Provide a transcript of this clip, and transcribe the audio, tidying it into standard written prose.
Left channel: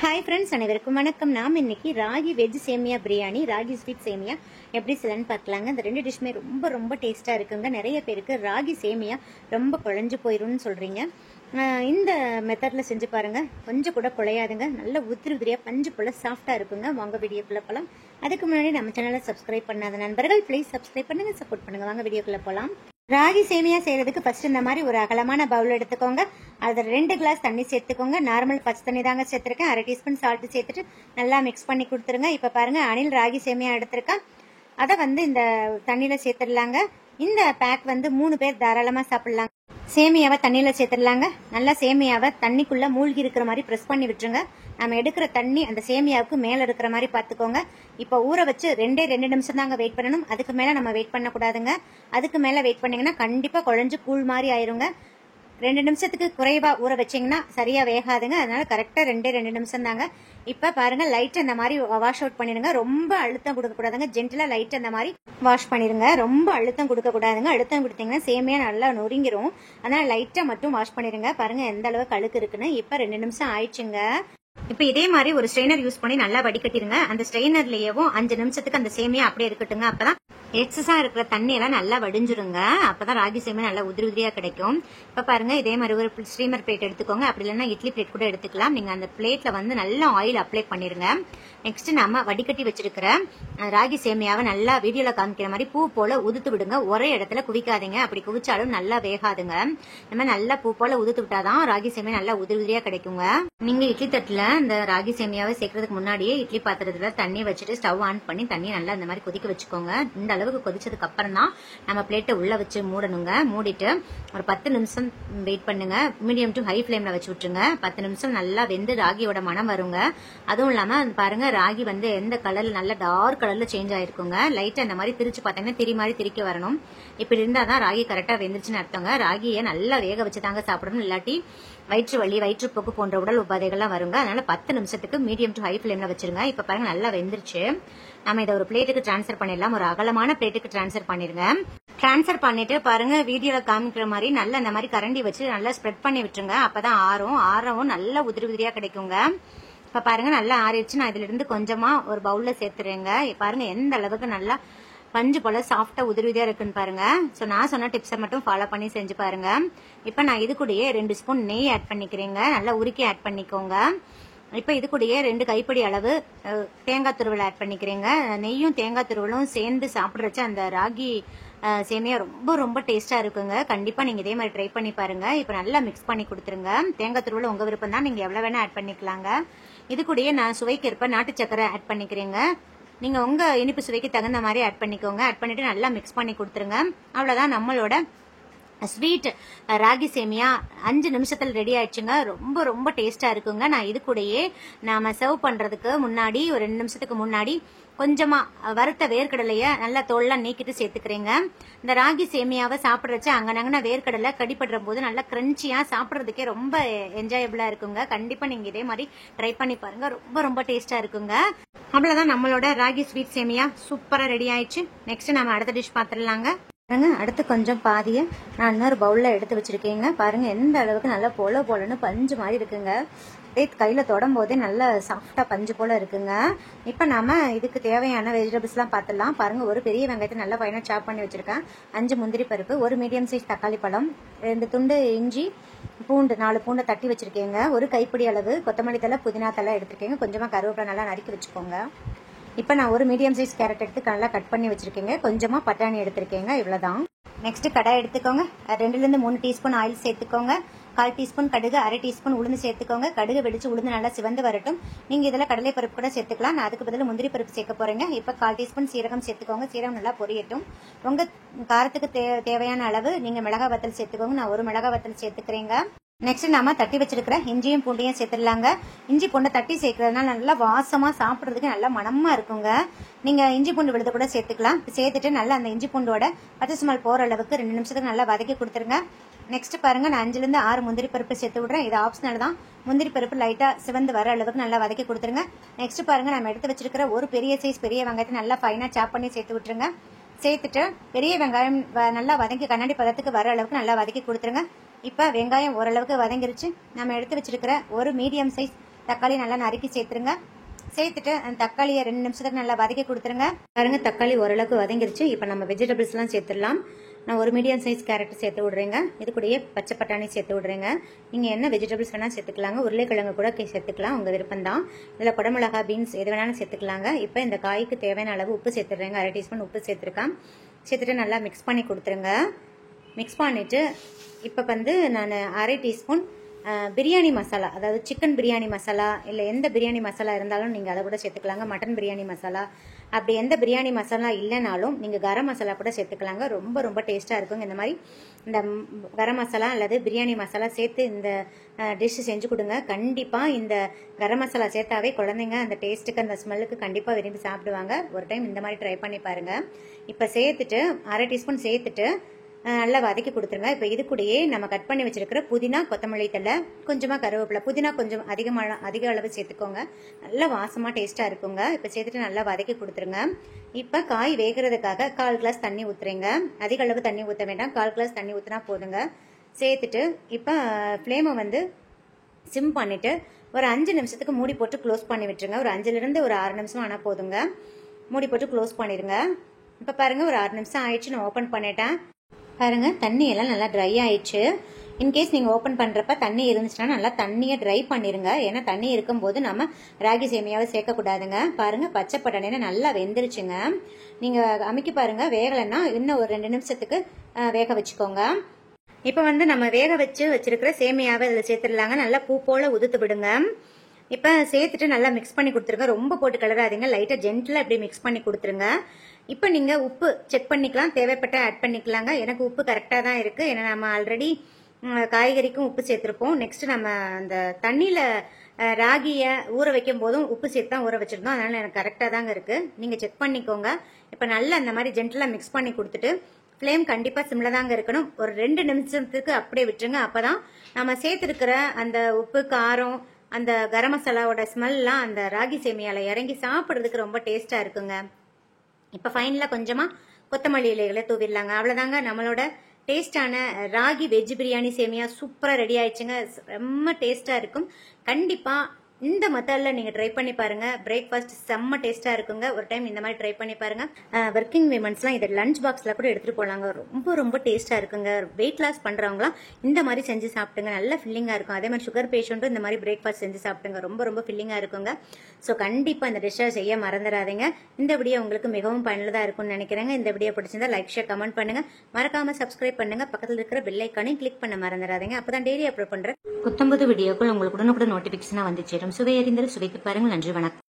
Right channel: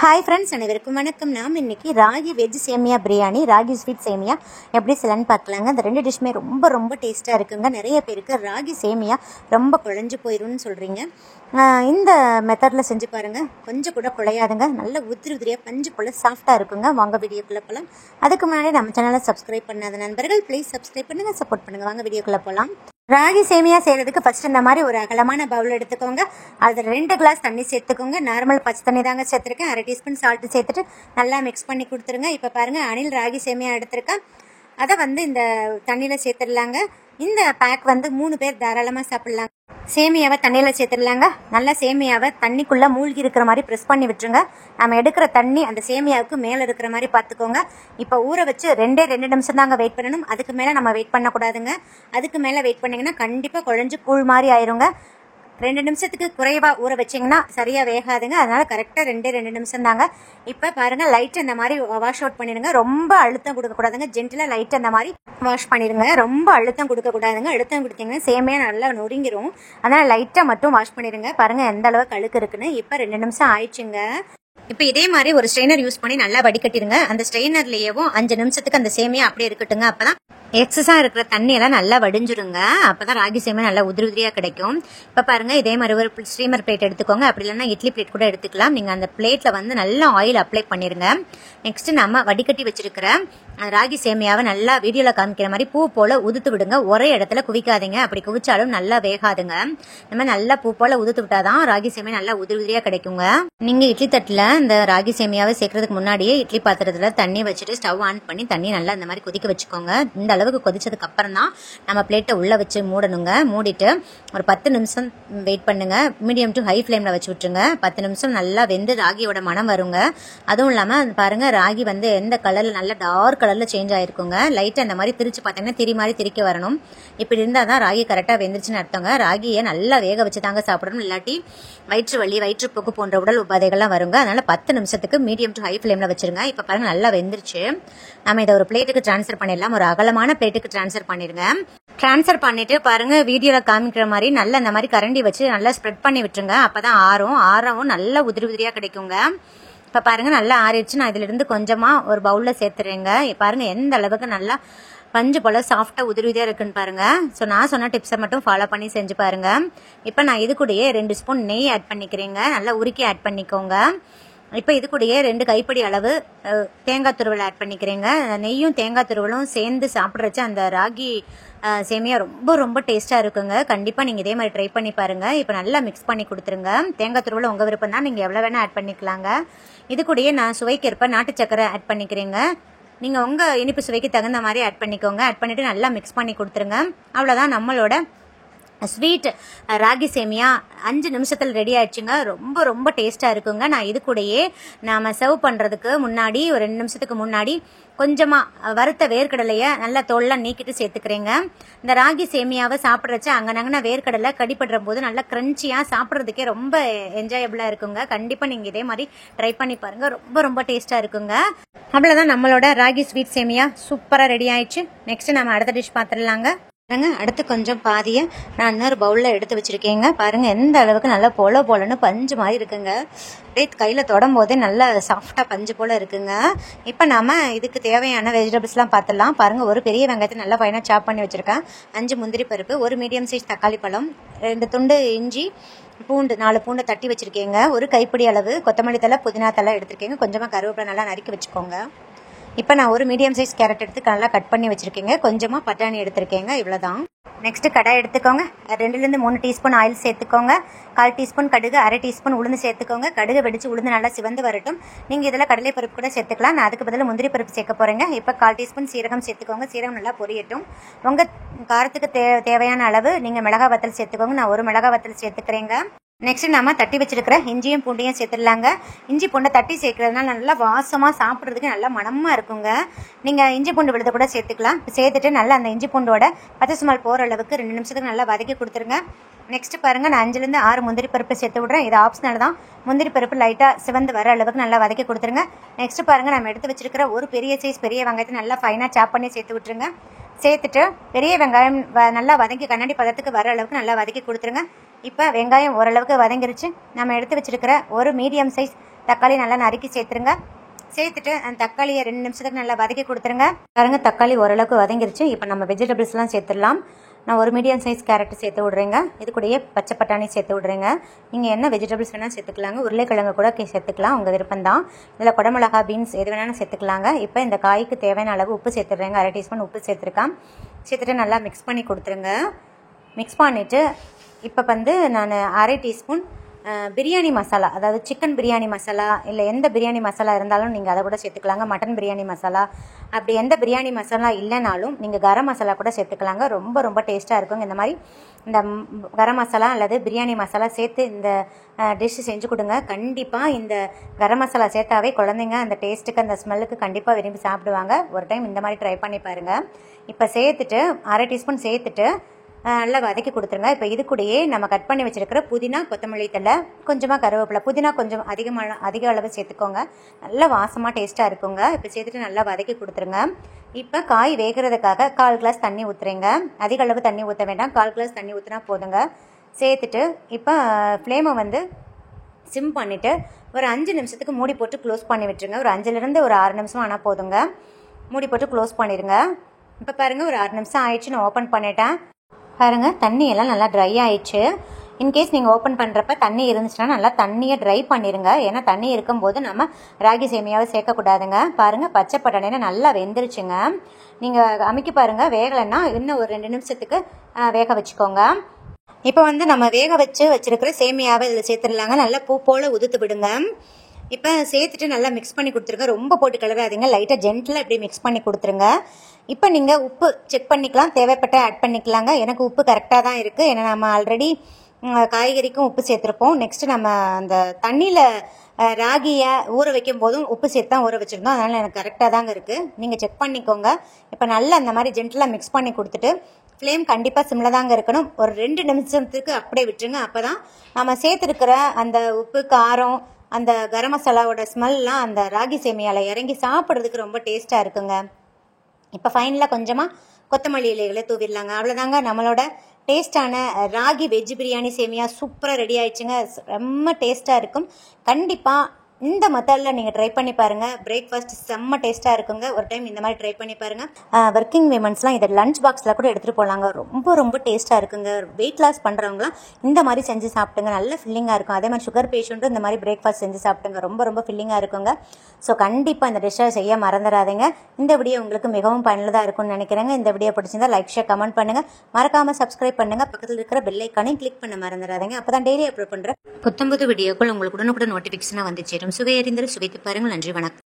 Hi friends, அனைவருக்கும் வணக்கம். நாம் இன்றைக்கி ராகி வெஜ் சேமியா பிரியாணி, ராகி ஸ்வீட் சேமியா எப்படி செய்யலான்னு பார்க்கலாங்க. இந்த ரெண்டு டிஷ்மே ரொம்ப ரொம்ப டேஸ்ட்டாக இருக்குங்க. நிறைய பேருக்கு ராகி சேமியா ரொம்ப குழஞ்சு போயிடும்னு சொல்கிறீங்க. இந்த மெத்தடில் செஞ்சு பாருங்கள், கொஞ்சம் கூட குழையாதுங்க. நல்ல உதிரி உதிரியாக பஞ்சு போல் சாஃப்டாக இருக்குங்க. வாங்க வீடியோக்குள்ளே போகலாம். அதுக்கு முன்னாடி நம்ம சேனலை சப்ஸ்கிரைப் பண்ணாத நண்பர்கள் ப்ளீஸ் சப்ஸ்கிரைப் பண்ணுங்கள், சப்போர்ட் பண்ணுங்கள். வாங்க வீடியோக்குள்ளே போகலாம். ராகி சேமியா செய்கிறதுக்கு ஃபஸ்ட்டு இந்த மாதிரி ஒரு அகலமான பவுல் எடுத்துக்கோங்க. அதில் 2 கிளாஸ் தண்ணி சேர்த்துக்கோங்க. நார்மல் பச்சை தண்ணி தாங்க சேர்த்துருக்கேன். 1/2 டீஸ்பூன் சால்ட்டு சேர்த்துட்டு நல்லா மிக்ஸ் பண்ணி கொடுத்துருங்க. இப்போ பாருங்கள், அணில் ராகி சேமியா எடுத்துருக்கேன். அதை இந்த தண்ணியில் சேர்த்துடலாங்க. இந்த பேக் 3 பேர் தாராளமாக சாப்பிட்லாங்க. சேமியாவை தண்ணியில் சேர்த்துடலாங்க. நல்லா சேமியாவை தண்ணிக்குள்ளே மூழ்கி இருக்கிற மாதிரி ப்ரெஸ் பண்ணி விட்டுருங்க. நம்ம எடுக்கிற தண்ணி அந்த சேமியாவுக்கு மேலே இருக்கிற மாதிரி பார்த்துக்கோங்க. இப்போ ஊற வச்சு 2 நிமிஷம் தாங்க வெயிட் பண்ணணும். அதுக்கு மேலே நம்ம வெயிட் பண்ணக்கூடாதுங்க. அதுக்கு மேலே வெயிட் பண்ணிங்கன்னா கண்டிப்பாக குழஞ்சு கூழ் மாதிரி ஆயிருங்க. 2 நிமிஷத்துக்கு குறைவாக ஊற வச்சிங்கன்னா சரியாக வேகாதுங்க. அதனால் கரெக்டாக 2 நிமிஷம் தாங்க. இப்போ பாருங்கள், லைட்டாக இந்த மாதிரி வாஷ் அவுட் பண்ணிடுங்க. ரொம்ப அழுத்தம் கொடுக்கக்கூடாதுங்க. ஜென்டிலாக லைட்டாக இந்த மாதிரி வாஷ் பண்ணிடுங்க. ரொம்ப அழுத்தம் கொடுக்கக்கூடாதுங்க. அழுத்தம் கொடுத்தீங்கன்னா சேமையாக நல்லா நொறுங்கிரும். அதனால் லைட்டாக மட்டும் வாஷ் பண்ணிடுங்க. பாருங்கள் எந்த அளவுக்கு அழுக்கு இருக்குன்னு. இப்போ 2 நிமிஷம் ஆயிடுச்சுங்க. இப்போ இதே மாதிரி ஒரு ஸ்ட்ரெயினர் யூஸ் பண்ணி நல்லா வடிகட்டிடுங்க. அந்த ஸ்ட்ரெயினர்லேயேவும் 5 நிமிஷத்துக்கு அந்த சேமியா அப்படியே இருக்கட்டுங்க. அப்போதான் எக்ஸஸா இருக்கிற தண்ணியெல்லாம் நல்லா வடிஞ்சிருங்க. அப்பதான் ராகி சேமியா நல்லா உதிரி உதிரியா கிடைக்கும். இப்ப பாருங்க, இதே மாதிரி ஒரு ஸ்டீமர் பிளேட் எடுத்துக்கோங்க. அப்படி இல்லைன்னா இட்லி பிளேட் கூட எடுத்துக்கலாம். நீங்க அந்த பிளேட்ல நல்லா ஆயில் அப்ளை பண்ணிருங்க. நெக்ஸ்ட் நம்ம வடிகட்டி வச்சிருக்கிற ராகி சேமியாவை நல்லா வீடியோல காமிக்கிற மாதிரி பூ போல உதுத்து விடுங்க. ஒரே இடத்துல குவிக்காதீங்க. அப்படி குவிச்சாலும் நல்லா வேகாதுங்க. நம்ம நல்லா பூ போல உதுத்து விட்டாதான் ராகி சேமியா நல்லா உதிரி உதிரியா கிடைக்குங்க. நீங்க இட்லி தட்டுல இந்த ராகி சேமியாவை சேர்க்கறதுக்கு முன்னாடியே இட்லி பாத்திரத்துல தண்ணி வச்சுட்டு ஸ்டவ் ஆன் பண்ணி தண்ணி நல்லா இந்த மாதிரி கொதிக்க வச்சுக்கோங்க. இந்த அளவுக்கு கொதிச்சதுக்கு அப்புறம் தான் நம்ம பிளேட்டை உள்ள வச்சு மூடணுங்க. மூடிட்டு ஒரு 10 நிமிஷம் வெயிட் பண்ணுங்க. மீடியம் டு ஹை ஃப்ளேம்ல வச்சு விட்டுருங்க. 10 நிமிஷம் நல்லா வெந்து ராகியோட மனம் வருங்க. அதுவும் இல்லாம பாருங்க, ராகி எந்த கலர்ல நல்லா டார்க் கலர்ல சேஞ்ச் ஆயிருக்குங்க. லைட்டா இந்த மாதிரி திரிச்சு பார்த்தீங்கன்னா திரி மாதிரி திரிக்க வரணும். இப்படி இருந்தாதான் ராகி கரெக்டா வெந்துருச்சுன்னு அர்த்தங்க. ராகியை நல்லா வேக வச்சு தாங்க சாப்பிடணும். இல்லாட்டி வயிற்று வலி, வயிற்றுப்போக்கு போன்ற உடல் உபாதைகள்லாம் வருங்க. அதனால 10 நிமிஷத்துக்கு மீடியம் டு ஹை ஃப்ளேம்ல வச்சிருங்க. இப்ப பாருங்க, நல்லா வெந்துருச்சு. நம்ம இதை ஒரு பிளேட்டுக்கு டிரான்ஸ்ஃபர் பண்ணிடலாம். ஒரு அகலமான பிளேட்டுக்கு டிரான்ஸ்ஃபர் பண்ணிருங்க. டிரான்ஸ்ஃபர் பண்ணிட்டு பாருங்க, வீடியோல காமிக்கிற மாதிரி நல்லா இந்த மாதிரி கரண்டி வச்சு நல்லா ஸ்ப்ரெட் பண்ணி விட்டுருங்க. அப்பதான் ஆறவும் நல்லா உதிரி உதிரியா கிடைக்குங்க. இப்ப பாருங்க, நல்லா ஆறிடுச்சு. நான் இதுல இருந்து கொஞ்சமா ஒரு பவுல்ல சேர்த்துறேங்க. பாருங்க எந்த அளவுக்கு நல்லா பஞ்சு போல சாஃப்டா உதிரி உதிரியா இருக்குன்னு பாருங்க. ஸோ நான் சொன்ன டிப்ஸை மட்டும் ஃபாலோ பண்ணி செஞ்சு பாருங்க. இப்போ நான் இது கூடயே 2 ஸ்பூன் நெய் ஆட் பண்ணிக்கிறேங்க. நல்லா உருக்கி ஆட் பண்ணிக்கோங்க. இப்போ இது கூடயே 2 கைப்பிடி அளவு தேங்காய் துருவல் ஆட் பண்ணிக்கிறேங்க. நெய்யும் தேங்காய் துருவலும் சேர்ந்து சாப்பிட்றச்சு அந்த ராகி சேமியா ரொம்ப ரொம்ப டேஸ்டா இருக்குங்க. கண்டிப்பா நீங்க இதே மாதிரி ட்ரை பண்ணி பாருங்க. இப்போ நல்லா மிக்ஸ் பண்ணி கொடுத்துருங்க. தேங்காய் துருவல் உங்க விருப்பம் தான், நீங்க எவ்வளவு வேணா ஆட் பண்ணிக்கலாங்க. இது கூடயே நான் சுவைக்கேற்ப நாட்டு சக்கரை ஆட் பண்ணிக்கிறேங்க. நீங்க உங்க இனிப்பு சுவைக்கு தகுந்த மாதிரி ஆட் பண்ணிக்கோங்க. ஆட் பண்ணிட்டு நல்லா மிக்ஸ் பண்ணி கொடுத்துருங்க. அவ்வளவுதான், நம்மளோட ஸ்வீட் ராகி சேமியா 5 நிமிஷத்துல ரெடி ஆயிடுச்சுங்க. ரொம்ப ரொம்ப டேஸ்டா இருக்குங்க. நான் இது கூடயே நாம சர்வ் பண்றதுக்கு முன்னாடி ஒரு 2 நிமிஷத்துக்கு முன்னாடி கொஞ்சமா வறுத்த வேர்க்கடலைய நல்லா தோல்லாம் நீக்கிட்டு சேர்த்துக்கிறேங்க. இந்த ராகி சேமியாவை சாப்பிட்றச்சு அங்கனங்கன்னா வேர்க்கடலை கடிப்படுற போது நல்லா கிரன்ச்சியா சாப்பிட்றதுக்கே ரொம்ப என்ஜாயபிளா இருக்குங்க. கண்டிப்பா நீங்க இதே மாதிரி ட்ரை பண்ணி பாருங்க. ரொம்ப ரொம்ப டேஸ்டா இருக்குங்க. அவ்வளவுதான், நம்மளோட ராகி ஸ்வீட் சேமியா சூப்பரா ரெடி ஆயிடுச்சு. நெக்ஸ்ட் நம்ம அடுத்த டிஷ் பாத்துடலாங்க. அடுத்து கொஞ்சம் பாதியை நான் இன்னொரு பவுலில் எடுத்து வச்சுருக்கேங்க. பாருங்கள் எந்த அளவுக்கு நல்லா போலன்னு பஞ்சு மாதிரி இருக்குங்க. அப்படியே கையில் தொடும் போதே நல்லா சாஃப்டாக பஞ்சு போல் இருக்குங்க. இப்போ நம்ம இதுக்கு தேவையான வெஜிடபிள்ஸ்லாம் பார்த்துடலாம். பாருங்கள், ஒரு பெரிய வெங்காயத்தை நல்லா ஃபைனாக சாப் பண்ணி வச்சுருக்கேன். 5 முந்திரி பருப்பு, ஒரு மீடியம் சைஸ் தக்காளி பழம், 2 துண்டு இஞ்சி, பூண்டு 4 பூண்டு தட்டி வச்சுருக்கேங்க. ஒரு கைப்பிடி அளவு கொத்தமல்லி தலை, புதினா தலை எடுத்துருக்கேங்க. கொஞ்சமாக கருவேப்பிலை நல்லா நறுக்கி வச்சுக்கோங்க. இப்போ நான் ஒரு மீடியம் சைஸ் கேரட் எடுத்து நல்லா கட் பண்ணி வச்சிருக்கேங்க. கொஞ்சமாக பட்டாணி எடுத்திருக்கேங்க. இவ்வளோதான். நெக்ஸ்ட் கடாய் எடுத்துக்கோங்க. 2லேருந்து 3 டீஸ்பூன் ஆயில் சேர்த்துக்கோங்க. 1/4 டீஸ்பூன் கடுகு, 1/2 டீஸ்பூன் உளுந்து சேர்த்துக்கோங்க. கடுகு வெடிச்சு உளுந்து நல்லா சிவந்து வரட்டும். நீங்கள் இதில் கடலை பருப்பு கூட சேர்த்துக்கலாம். நான் அதுக்கு பதிலாக முந்திரி பருப்பு சேர்க்க போகிறேங்க. இப்போ 1/4 டீஸ்பூன் சீரகம் சேர்த்துக்கோங்க. சீரகம் நல்லா பொரியட்டும். உங்கள் காரத்துக்கு தேவையான அளவு நீங்கள் மிளகாய் வத்தல் சேர்த்துக்கோங்க. நான் ஒரு மிளகாய் வத்தல் சேர்த்துக்கிறேங்க. நெக்ஸ்ட் நம்ம தட்டி வச்சிருக்கிற இஞ்சியும் பூண்டையும் சேர்த்துடலாங்க. இஞ்சி பூண்டை தட்டி சேர்க்கறதுனால நல்லா வாசமாக சாப்பிட்றதுக்கு நல்லா மனமாக இருக்குங்க. நீங்கள் இஞ்சி பூண்டு விழுத கூட சேர்த்துக்கலாம். சேர்த்துட்டு நல்லா அந்த இஞ்சி பூண்டோட பச்சை ஸ்மெல் போகிற அளவுக்கு 2 நிமிஷத்துக்கு நல்லா வதக்கி கொடுத்துருங்க. நெக்ஸ்ட் பாருங்கள், நான் 5லேருந்து 6 முந்திரி பருப்பு சேர்த்து விட்றேன். இது ஆப்ஷனல் தான். முந்திரி பருப்பு லைட்டாக சிவந்து வர அளவுக்கு நல்லா வதக்கி கொடுத்துருங்க. நெக்ஸ்ட் பாருங்கள், நம்ம எடுத்து வச்சிருக்கிற ஒரு பெரிய சைஸ் பெரிய வெங்காயத்தை நல்லா ஃபைனாக சாப் பண்ணி சேர்த்து விட்டுருங்க. சேர்த்துட்டு பெரிய வெங்காயம் நல்லா வதக்கி கண்ணாடி பதத்துக்கு வர அளவுக்கு நல்லா வதக்கி கொடுத்துருங்க. இப்போ வெங்காயம் ஓரளவுக்கு வதங்கிருச்சு. நம்ம எடுத்து வச்சிருக்கிற ஒரு மீடியம் சைஸ் தக்காளி நல்லா நறுக்கி சேர்த்துருங்க. சேர்த்துட்டு அந்த தக்காளியை 2 நிமிஷத்துக்கு நல்லா வதக்கி கொடுத்துருங்க. பாருங்க தக்காளி ஓரளவுக்கு வதங்கிருச்சு. இப்போ நம்ம வெஜிடபிள்ஸ்லாம் சேர்த்துடலாம். நான் ஒரு மீடியம் சைஸ் கேரட் சேர்த்து விட்றேங்க. இது கூடயே பச்சை பட்டாணி சேர்த்து விட்றேங்க. நீங்கள் என்ன வெஜிடபிள்ஸ் வேணால் சேர்த்துக்கலாங்க. உருளைக்கிழங்கு கூட சேர்த்துக்கலாம், உங்கள் விருப்பம் தான். இதில் குடமிளகா, பீன்ஸ் எது வேணாலும் சேர்த்துக்கலாங்க. இப்போ இந்த காய்க்கு தேவையான அளவு உப்பு சேர்த்துடுறேங்க. 1/2 டீஸ்பூன் உப்பு சேர்த்துருக்கேன். சேர்த்துட்டு நல்லா மிக்ஸ் பண்ணி கொடுத்துருங்க. மிக்ஸ் பண்ணிவிட்டு இப்போ வந்து நான் 1/2 டீஸ்பூன் பிரியாணி மசாலா, அதாவது சிக்கன் பிரியாணி மசாலா இல்லை எந்த பிரியாணி மசாலா இருந்தாலும் நீங்கள் அதை கூட சேர்த்துக்கலாங்க. மட்டன் பிரியாணி மசாலா, அப்படி எந்த பிரியாணி மசாலா இல்லைனாலும் நீங்கள் கரம் மசாலா கூட சேர்த்துக்கலாங்க. ரொம்ப ரொம்ப டேஸ்ட்டாக இருக்குங்க. இந்த மாதிரி இந்த கரம் மசாலா அல்லது பிரியாணி மசாலா சேர்த்து இந்த டிஷ்ஷு செஞ்சு கொடுங்க. கண்டிப்பாக இந்த கரம் மசாலா சேர்த்தாவே குழந்தைங்க அந்த டேஸ்ட்டுக்கு அந்த ஸ்மெல்லுக்கு கண்டிப்பாக விரும்பி சாப்பிடுவாங்க. ஒரு டைம் இந்த மாதிரி ட்ரை பண்ணி பாருங்கள். இப்போ சேர்த்துட்டு 1/2 டீஸ்பூன் சேர்த்துட்டு நல்லா வதக்கி கொடுத்துருங்க. இப்போ இது கூடயே நம்ம கட் பண்ணி வச்சிருக்கிற புதினா, கொத்தமல்லி தழை, கொஞ்சமாக கருவேப்பிலை, புதினா கொஞ்சம் அதிக அளவு சேர்த்துக்கோங்க. நல்லா வாசமாக டேஸ்ட்டாக இருக்குங்க. இப்போ சேர்த்துட்டு நல்லா வதக்கி கொடுத்துருங்க. இப்போ காய் வேகிறதுக்காக 1/4 கிளாஸ் தண்ணி ஊற்றுறேங்க. அதிக அளவு தண்ணி ஊற்ற வேண்டாம், 1/4 கிளாஸ் தண்ணி ஊற்றினா போதுங்க. சேர்த்துட்டு இப்போ ஃப்ளேமை வந்து சிம் பண்ணிவிட்டு ஒரு 5 நிமிஷத்துக்கு மூடி போட்டு க்ளோஸ் பண்ணி விட்டுருங்க. ஒரு 5லேருந்து ஒரு 6 நிமிஷம் ஆனால் போதுங்க. மூடி போட்டு க்ளோஸ் பண்ணிடுங்க. இப்போ பாருங்கள் ஒரு 6 நிமிஷம் ஆயிடுச்சு. நான் ஓப்பன் பண்ணிட்டேன். பாருங்கள் தண்ணி எல்லாம் நல்லா ட்ரை ஆயிடுச்சு. இன்கேஸ் நீங்கள் ஓப்பன் பண்ணுறப்ப தண்ணி இருந்துச்சுன்னா நல்லா தண்ணியை ட்ரை பண்ணிடுங்க. ஏன்னா தண்ணி இருக்கும்போது நம்ம ராகி சேமியாவை சேர்க்கக்கூடாதுங்க. பாருங்கள் பச்சை பட்டாணினா நல்லா வெந்துருச்சுங்க. நீங்கள் அமுக்கி பாருங்கள். வேகலைன்னா இன்னும் ஒரு 2 நிமிஷத்துக்கு வேக வச்சுக்கோங்க. இப்போ வந்து நம்ம வேக வச்சிருக்கிற சேமியாவை இதில் சேர்த்துடலாங்க. நல்லா பூ போல் உதுத்து விடுங்க. இப்போ சேர்த்துட்டு நல்லா மிக்ஸ் பண்ணி கொடுத்துருங்க. ரொம்ப போட்டு கிளறாதீங்க, லைட்டாக ஜென்டிலாக இப்படி மிக்ஸ் பண்ணி கொடுத்துருங்க. இப்போ நீங்கள் உப்பு செக் பண்ணிக்கலாம், தேவைப்பட்ட ஆட் பண்ணிக்கலாங்க. எனக்கு உப்பு கரெக்டாக தான் இருக்குது. ஏன்னா நம்ம ஆல்ரெடி காய்கறிக்கும் உப்பு சேர்த்துருப்போம். நெக்ஸ்ட்டு நம்ம அந்த தண்ணியில் ராகியை ஊற வைக்கும் போதும் உப்பு சேர்த்து தான் ஊற வச்சுருந்தோம். அதனால் எனக்கு கரெக்டாக தாங்க இருக்குது. நீங்கள் செக் பண்ணிக்கோங்க. இப்போ நல்லா அந்த மாதிரி ஜென்டிலாக மிக்ஸ் பண்ணி கொடுத்துட்டு ஃப்ளேம் கண்டிப்பாக சிம்மில் தாங்க இருக்கணும். ஒரு 2 நிமிஷத்துக்கு அப்படியே விட்டுருங்க. அப்போ தான் நம்ம சேர்த்துருக்கிற அந்த உப்பு, காரம், அந்த கரம் மசாலாவோட ஸ்மெல்லாம் அந்த ராகி சேமியாவில் இறங்கி சாப்பிட்றதுக்கு ரொம்ப டேஸ்ட்டாக இருக்குங்க. இப்போ ஃபைனலாக கொஞ்சமாக கொத்தமல்லி இலைகளை தூவிடலாங்க. அவ்வளோதாங்க, நம்மளோட டேஸ்டான ராகி வெஜ் பிரியாணி சேமியா சூப்பராக ரெடி ஆயிடுச்சுங்க. ரொம்ப டேஸ்ட்டாக இருக்கும். கண்டிப்பாக இந்த மெத்தடில் நீங்கள் ட்ரை பண்ணி பாருங்கள். பிரேக்ஃபாஸ்ட் செம்ம டேஸ்ட்டாக இருக்குங்க. ஒரு டைம் இந்த மாதிரி ட்ரை பண்ணி பாருங்கள். ஒர்க்கிங் விமன்ஸ்லாம் இதை லஞ்ச் பாக்ஸில் கூட எடுத்துகிட்டு போகலாங்க. ரொம்ப ரொம்ப டேஸ்ட்டாக இருக்குங்க. வெயிட் லாஸ் பண்ணுறவங்களாம் இந்த மாதிரி செஞ்சு சாப்பிட்டுங்க. நல்ல ஃபில்லிங்காக இருக்கும். அதே மாதிரி சுகர் பேஷண்ட்டும் இந்த மாதிரி பிரேக்ஃபாஸ்ட் செஞ்சு சாப்பிட்டுங்க. ரொம்ப ரொம்ப ஃபில்லிங்காக இருக்குங்க. ஸோ கண்டிப்பாக இந்த டிஷ்ஷை செய்ய மறந்துடாதீங்க. இந்த வீடியோ உங்களுக்கு மிகவும் பயனுள்ளதாக இருக்கும்னு நினைக்கிறேங்க. இந்த வீடியோ பிடிச்சிருந்தா லைக், ஷேர், கமெண்ட் பண்ணுங்கள். மறக்காமல் சப்ஸ்கிரைப் பண்ணுங்கள். பக்கத்தில் இருக்கிற பெல் ஐக்கானையும் கிளிக் பண்ண மறந்துடாதீங்க. அப்போ தான் டெய்லி அப்லோட் பண்ணுற புத்தம்புது வீடியோக்கள் உங்களுக்கு உடனுக்குடன் நோட்டிஃபிகேஷனாக வந்து சேரும். சுவை அறிந்தது சுவைத்து பாருங்கள். நன்றி, வணக்கம்.